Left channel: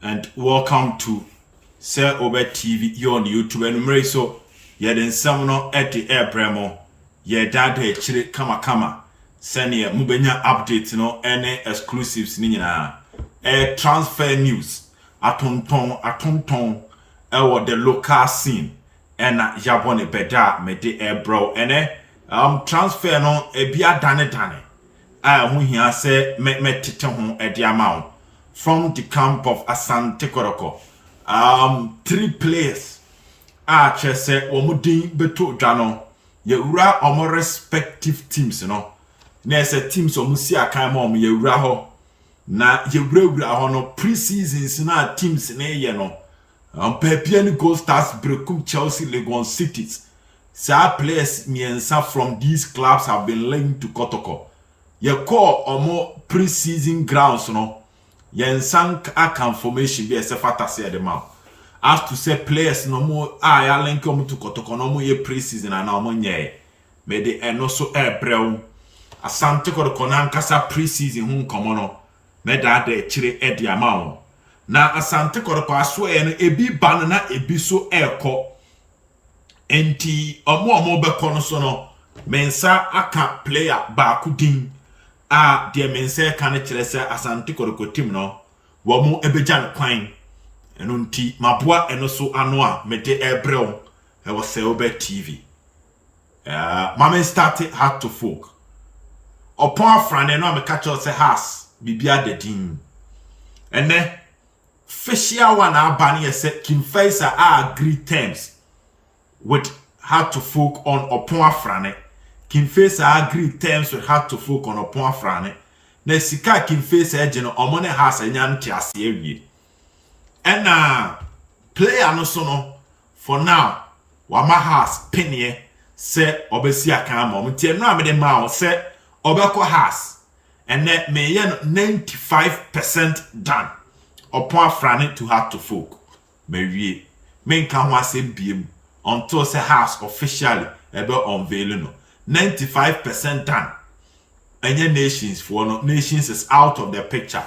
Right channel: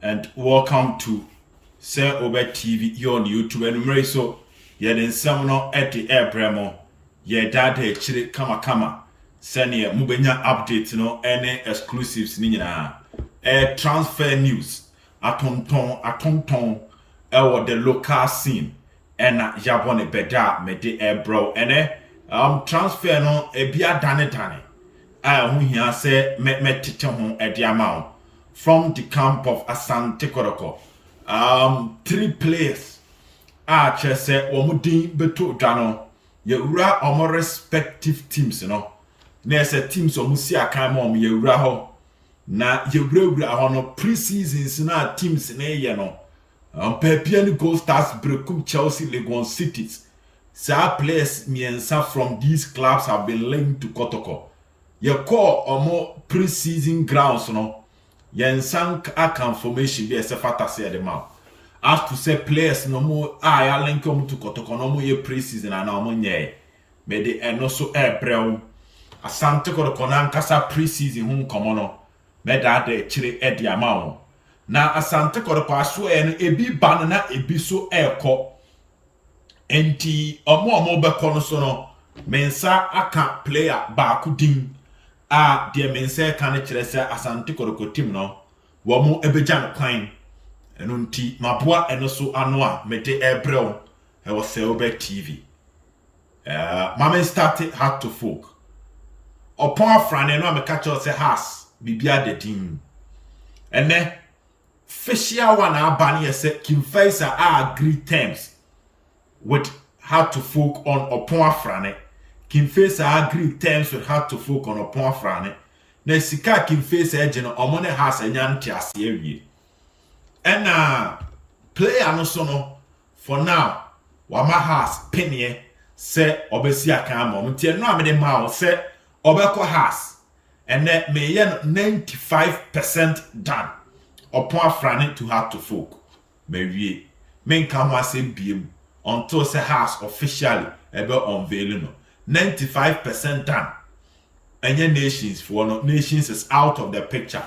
and welcome to Sir Obed TV here on YouTube. And so yeah, then someone at the air bremo, yeah, dad chile kama send ye mubenya updates no any exclusives ni na transfer news atonton the local scene and yabone beda me de air bro and transfer no ebia dane hu hia say me tete ho edi amount from the camp of Asante Kotoko. 3 players chese womudin beto dwano yewura omo respective teams no na ese teams omusi akan ma omo yewura ho na yewura ho no pre-seasons na teams na ye no Pepian Gold Stars Brekum Chelsea Legon Cities. Sa players miensa from these clubs have been linked to Kotoko. Ye call omo pre-season grounds no yensank a confirmation be se fata say the man. As to say players no more ya link omo to Kotoko no more ye pre-season and omo nye. Me de eno so breu. Asante Kotoko na nkasa pre-season hun komo no. Me da de chire e di amount. Na Asante Kotoko aso no ebi ban na ebi so eko. Enti omo beko no so no mensa aka player ba kudin de mensa ka ne kire se Asante Kotoko team no wo mo ebejan kwan eno nti maboa eno so ano a mede ebreo e wo se Obed TV mama started Heart to Folk upon afrane no ameka cho se has bibia de din ene facial one abani yese Kimfaisa agree terms with Heart to Folk on upon afrane Kimfaisa agree terms with Heart to Folk on upon afrane na sika Kimfaisa eje no omone has enyanti ase awie ena player no so no for now wama has penye se obesi akan mo nti eno amede ma o se obeko has ene me ye no 95% done upon afrane to Heart to Folk me wie me nka ho asem biem until say has officially ebe unveiling no 95% done. Any nations for no nations is out of the picture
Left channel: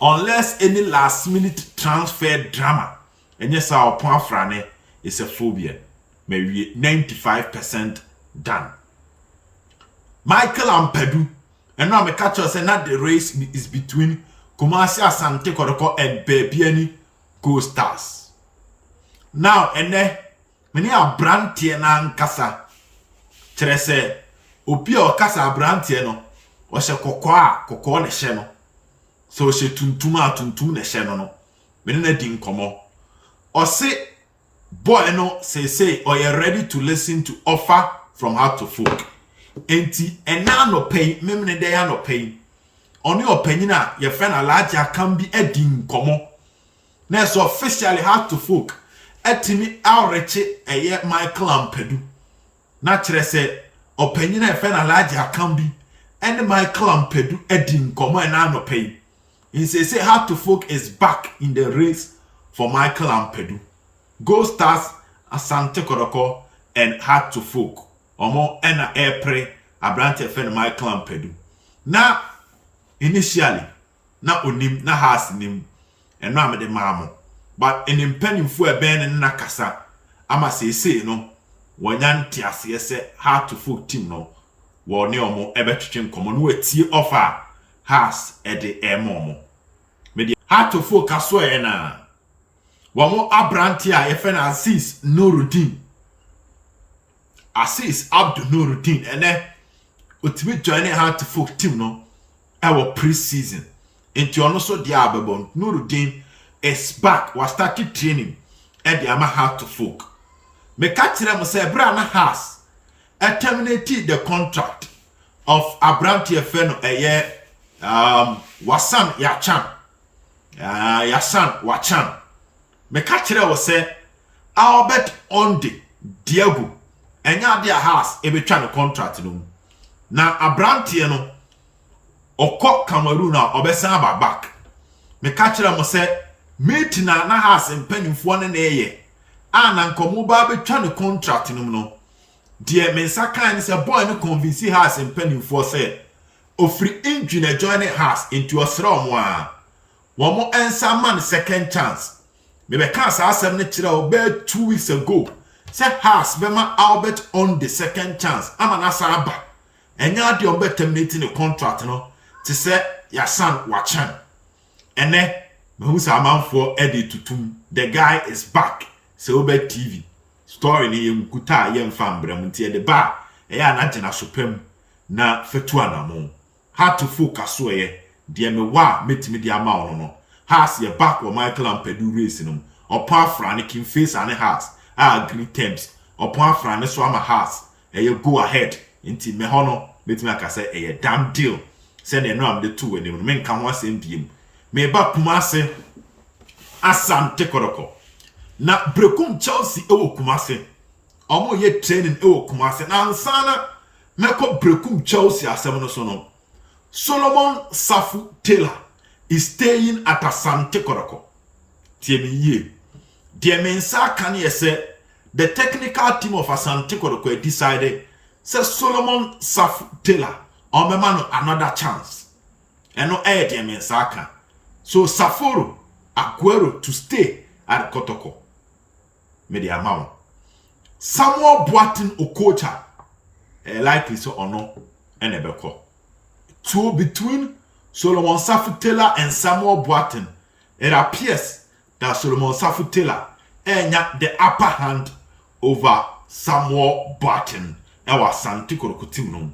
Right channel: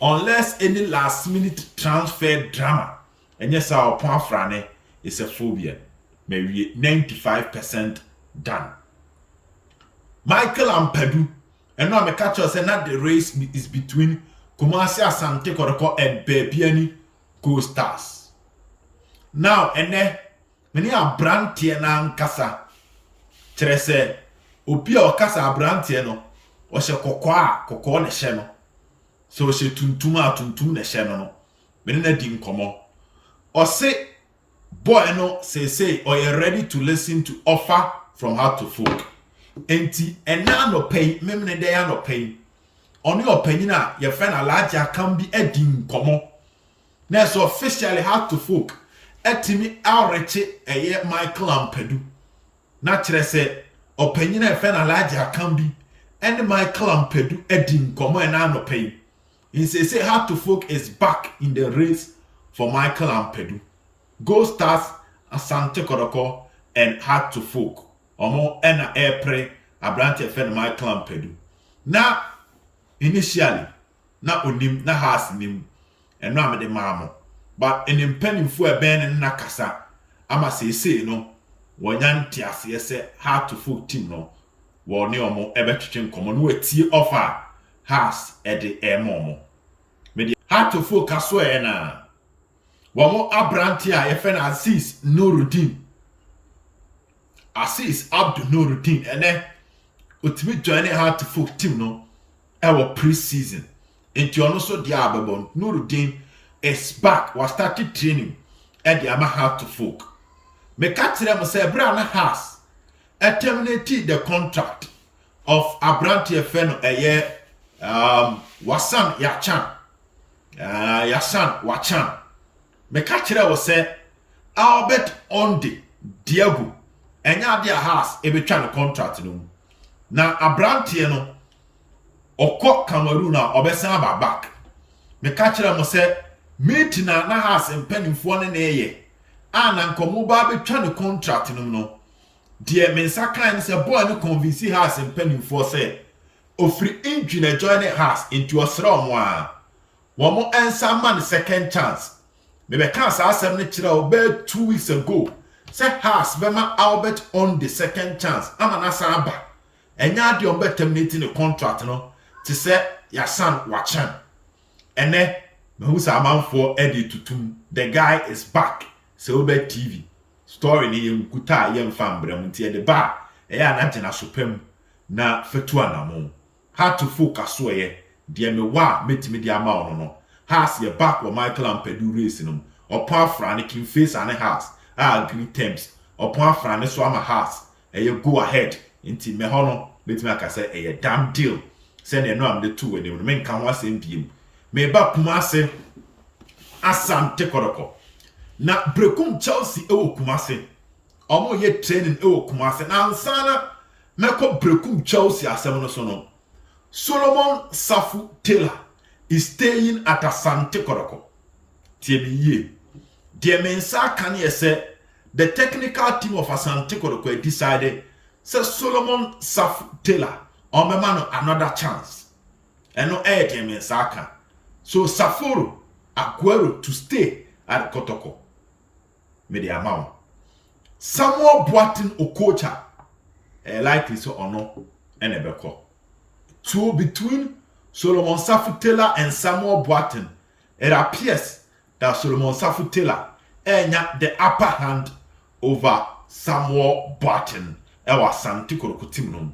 unless any last minute transfer drama. And yes, our point frane is a phobia. Maybe 95% done. Michael and Pedu, and now me catch us and that the race is between Kumasi Asante Kotoko and Bebiani Gold Stars. Now and then many are brand na nkasa. Trese obi o kasa abrantie no o hye kokko ne hye no so hye tuntum ne hye no me na di nkomo o se boy no say or you ready to listen to offer from Heart to Folk enti ena no pay memne dey no pay oni opanyin a ye friend alaja kan bi adi nkomo na so officially Heart to Folk etimi awreche eye Michael Ampedu na kire se opanyina e fe na large account bi and Michael Ampedu edin komo e na no pay in say Heart to Folk is back in the race for Michael Ampedu. Gold Stars, Asante Kotoko and Heart to Folk omo ena epre abrante fe na Michael Ampedu na initially na onim na has nim eno amede maamo but in impenifo e ben na kasa ama say no wonyanti ase se Heart to Folk team no wo ne omo ebetwetwe nkomo no atie offer has ede emomo media Heart to Folk aso e na wo mo abranti a ye fe na Aziz Nuruddin Aziz Abdul Nuruddin ene otimi join Heart to Folk team no our pre-season enti ono so dia ababon Nuruddin is back was started training at the Heart to Folk. Me katire mo say bra na has terminated the contract of Abrantie Feno eye Wasan Yachan Yasan Wachan. Me katire wo say Albert Ondi Diego enya dia has e betwa no contract no na Abrantie no okọ Cameroon na obesan ba back. Me katire mo say meeting na has mpanimfo ne eye ana nkomo ba betwa ne contract no de mensa kan se boy no convince has mpanimfo say ofri injury na join has into osra omo a One more answer man second chance. Maybe can't say Obed 2 weeks ago. Say has Bema Albert on the second chance. I'm an asaba. And ya the Obed terminating the contract, no, to say your son Wachan. And then who's a man for Eddie Tutum. The guy is back. So Obed TV. Story ni kuta yem fambre muntie de ba. Eya na jena supem na fetua na mo. How to focus so ye. Deɛ me wa metimi de ama ono no has ye back wo Michael Ampedu race no opo afra ne kin face ane has agree terms opo afra ne so ama has eye go ahead nti me ho no metimi aka say eye damn deal say ne no am de two we me nka ho asem biem me ba Kumase Asante Kotoko na brekum Chelsea ewo Kumase omo ye training ewo Kumase na ansana meko brekum Chelsea asem no so no Solomon Safu Taylor is staying at Asante Kotoko. Tiemi ye. Dear Mensa can ye say the technical team of Asante Kotoko decided say Solomon Safu Taylor on me man another chance. And no air dear Mensa can. So Saforo Aguero to stay at Kotoko. Media amount. Samuel Boatin Okocha likely so or no and ebeko. So between Solomon Safu Taylor and Samuel Boatin, it appears that Solomon Safu Taylor had the upper hand over Samuel Boatin. Ewa Asante Kotoko team no.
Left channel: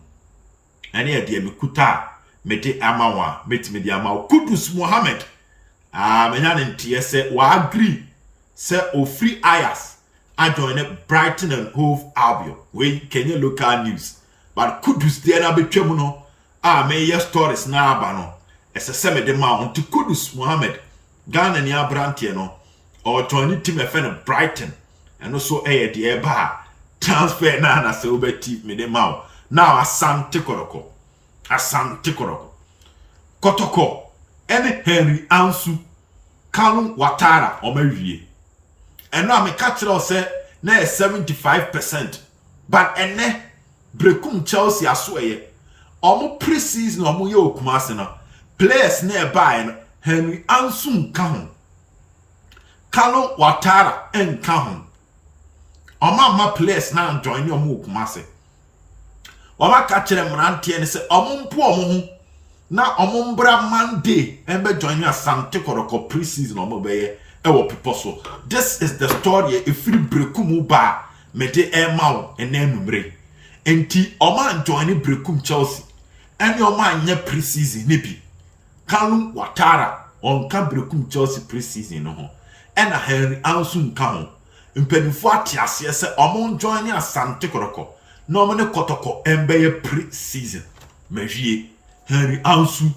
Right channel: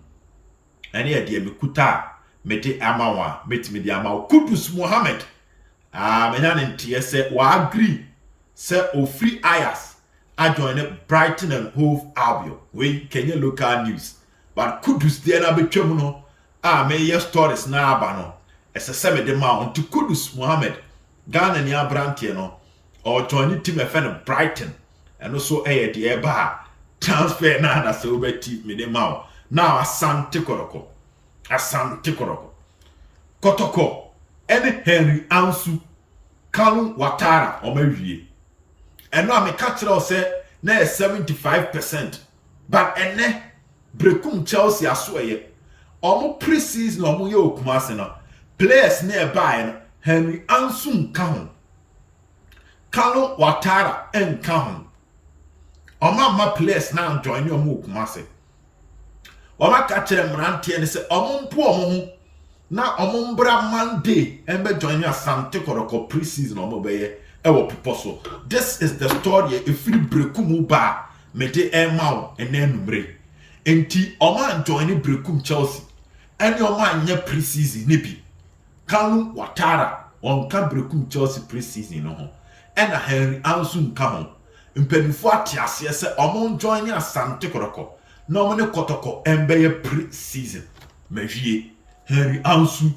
And here dear Mikuta mete amawa mete me di amawa Kudus Mohammed. Menyan ntie wa agree say o free Ayas a join Brighton and Hove Albion. We Kenya local news. But Kudus there na betwem no. May your stories na abano. Ese seme de ma on to Kudus Mohammed. Ghana ni abrantie no. Or join team FN Brighton. And also the eba transfer na se Obed team me de ma. Now Asante Kotoko. Asante Kotoko. Kotoko. Ene Henry-Ansu Kalo Watara omewie. And now me catch it say na 75%. But ene brekum Chelsea asweye. Omo pre-season omo ye Kumase no players nearby no Henry-Ansu nka ho Kalo Watara enka ho oma players na join omo Kumase oma ka kire mrantie ne se omo mpo omo ho na omo mbra Monday embe join Asante Kotoko pre-season omo beye ewo people so. This is the story if you brekum ba me de emaw enanumre enti oma join brekum Chelsea. And your man nye pre-season nibi. Kalo Watara on brekum Chelsea pre-season no. And a Henry-Ansu nka ho. Mpenifo atiase se omon join Asante Kotoko. No mane Kotoko embe pre-season. Mewie Henry-Ansu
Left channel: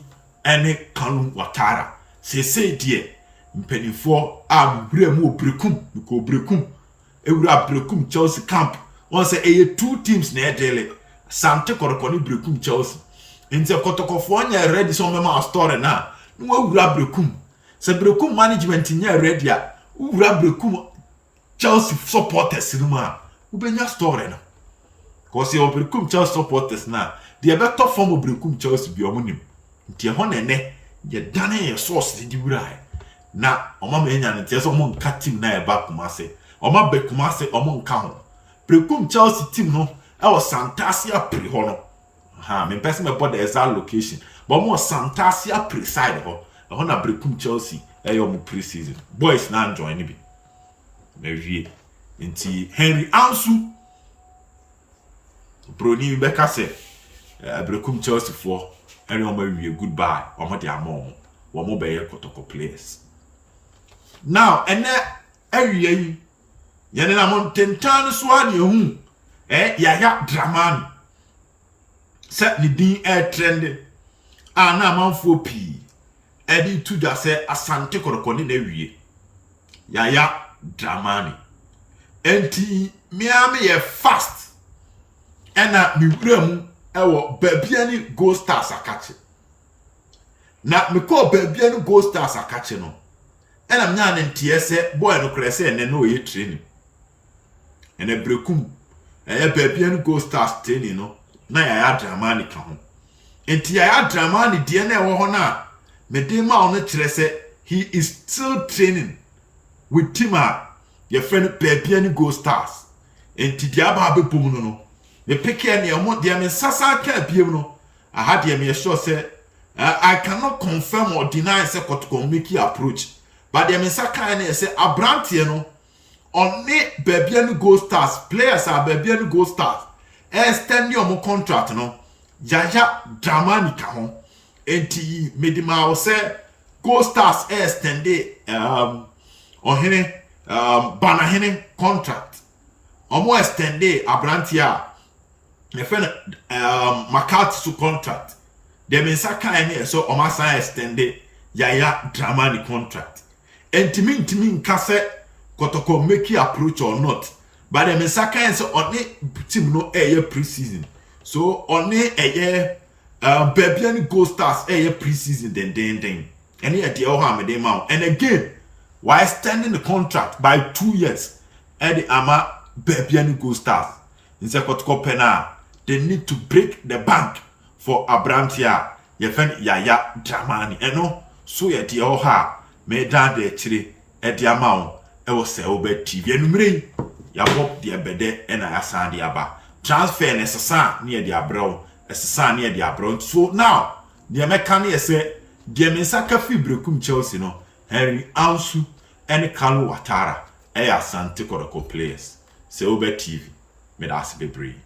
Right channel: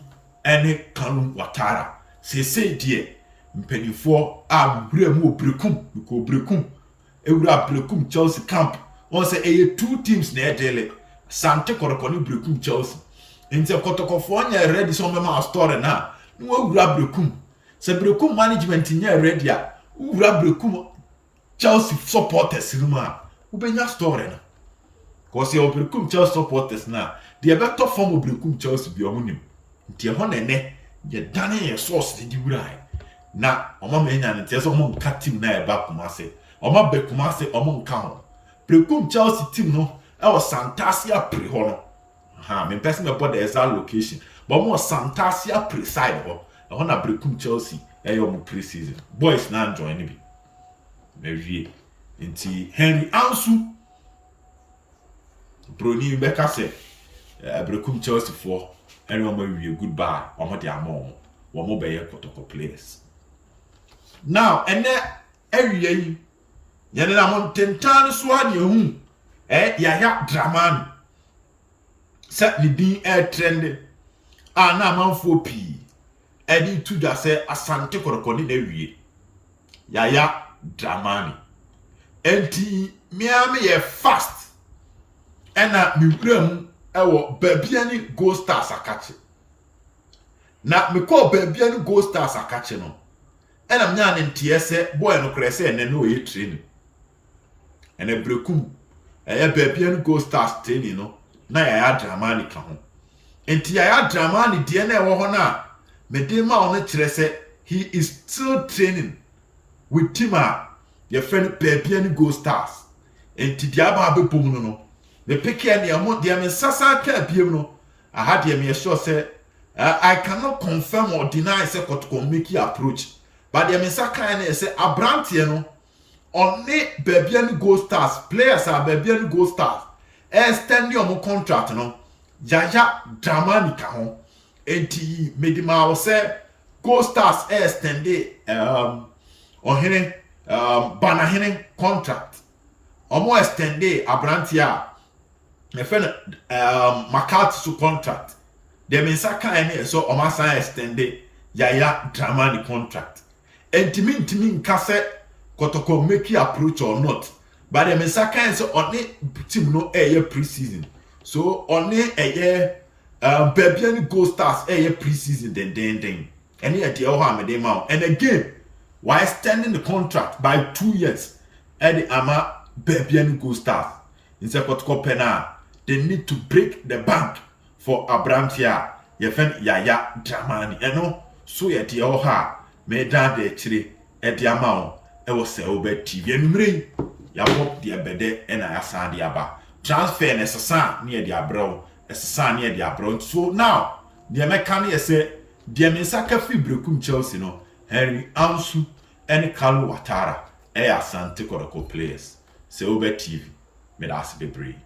ene Kalo Watara. Se die mpenifo wura mu brekum ko brekum. Ewura brekum Chelsea camp. One say two teams na edele. Asante Kotoko ni brekum Chelsea. Inti Kotoko fo anya ready so mema story na no wura brekum se brekum management nya ready a wura brekum Chelsea supporters ruma ubenya story na cause your brekum Chelsea supporters na the better form of brekum Chelsea bi omunim nti ho nene ye dane ye source di wura na oma menya nti so mo nka team na e ba Kumase oma be Kumase omo nka ho brekum Chelsea team no e was Santasia pre ho no. Me person me the exact location. But more Santasia preside ho. I want to brekum Chelsea. Mu pre-season. Boys na join ni bi. Mewie. Nti Henry-Ansu Broni Beka say brekum Chelsea for everyone goodbye. Omo de amon. Wo mo be Kotoko players. Now ene awie ye na montentan so ade hu. Yaya Dramini. Set ni din trending. Na amanfo pi. Edi tu da se Asante Kotoko ni na wie. Yaya Dramini. Enti me ye fast. Ena mi wura mu ewo baabia ni Gold Stars akache. Na me call baabia ni Gold Stars akache no. Ena mnya ne ntie se boy no kra se ene no ye training. Ene brekum baabia ni Gold Stars training no. Na Yaya Dramini ka ho. Enti Yaya Dramini de na ewo ho na me de ma ono kire se he is still training with team your friend Bebiani Go Stars. And Tidiaba Bepum no. The picky and the Sasa can't be no. I had the sure say I cannot confirm or deny say Kotoko Mickey approach. But the Misaka and say Abrantiano on me Bebiani Go Stars. Players are Bebiani Go Stars. Extend your contract no. Yaya Dramini ka ho. Enti medima say Go Stars extended ohene banahene contract. Omo extended abrantia me friend Makatsu contract. Dem insaka ene so omo sign extended Yaya Dramini contract. Enti nka say Kotoko make approach or not. But dem insaka ene so on team no pre-season. So on a Bebiani Go Stars pre-season then. Any idea how many amount? And again, while extending the contract by 2 years, the ama Bebiani Go Stars in Kotoko Pena, they need to break the bank for Abrantia, your friend Yaya Dramini. And no, so yet the oha made down the tree at the amount. It was a Obed TV and Mring. Yabop the Abede and Asante Aba. Transfer necessary near the abroad, necessary near the abroad. So now, the mechanic say, the Misaka Fibrekum Chelsea no, Ansu and Kalo Watara, Asante Kotoko players. Say Obed TV, made us the breed.